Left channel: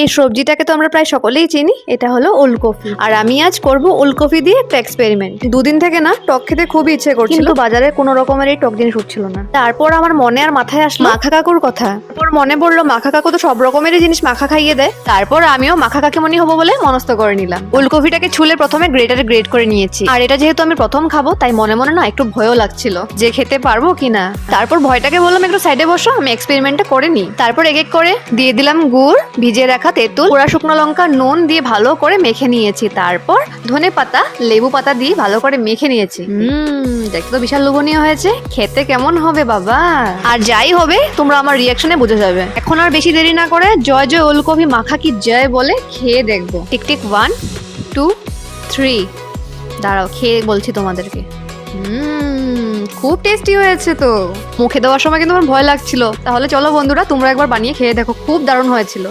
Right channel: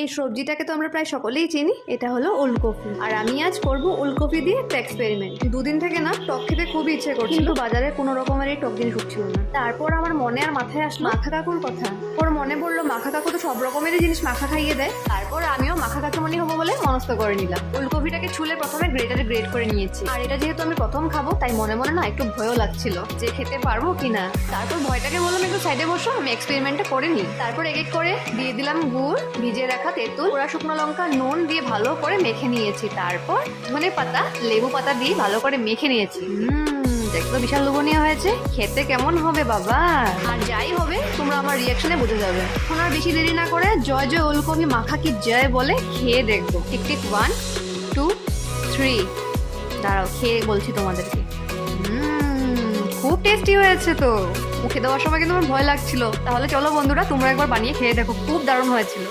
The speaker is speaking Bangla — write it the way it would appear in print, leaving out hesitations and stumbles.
এই সবজিটাকে তো আমরা প্রায় সকলেই চিনি, এটা হলো ওলকপি। আর আমি আজ করব ওলকপি দিয়ে একটা এক্সপেরিমেন্ট। দুদিন থেকে না টক খেতে খুবই ইচ্ছে করছিল, কিন্তু বাজারে কোনো রকমের এই টক জিনিস উঠছিল না। তারপর আমার মনে আর মাথায় আসলো মাখা কাকুর কথা। ওর মনে পড়লো মাখা কাকু তো সব রকমেরই জিনিস মাখা খাইয়ে দেয়। তারপর আমিও মাখা কাকিমণি হবো বলে মনস্থ করে নিলাম। ওলকপিটাকে ছুলে প্রথমে গ্রেটারে গ্রেট করে নিয়েছি। আর এটা যেহেতু আমি প্রথম খাবো, তাই মনে মনে না একটু ভয়ও লাগছিল যে খেতে পারবো কিনা। তারপর ভয়টাকে বললাম একটু সাইডে বসো, আমি এক্সপেরিমেন্টটা করে নিই। তারপর এক এক করে দিয়ে দিলাম গুড়, ভিজিয়ে রাখা তেঁতুল, পোড়া শুকনো লঙ্কা, নুন দিয়ে ভালো করে মেখে নিয়েছি। তারপর ধনে পাতা, লেবু পাতা দিয়ে ভালো করে মেখে নিয়েছি। দেখতে বিশাল লোভনীয় হয়েছে, খেতে কেমন হবে বাবা। আর যাই হবে তোমরা আমার রিয়াকশনে বুঝে যাবে। এখন আর বেশি দেরি না করে জয় জয় ওলকপি মাখা কি জয় বলে খেয়ে দেখবো। Tick tick 1 2 3। দাঁড়াও খেয়ে বলছি তোমাদেরকে। খুব টেস্টি হয়েছে তো। মুখে দেওয়ার সময় কিন্তু আমার ভয় লাগছিল। তাহলে চলো বন্ধুরা, তোমরা একবার বানিয়ে খেয়ে দেখো, খুব দারুণ হয়েছিল।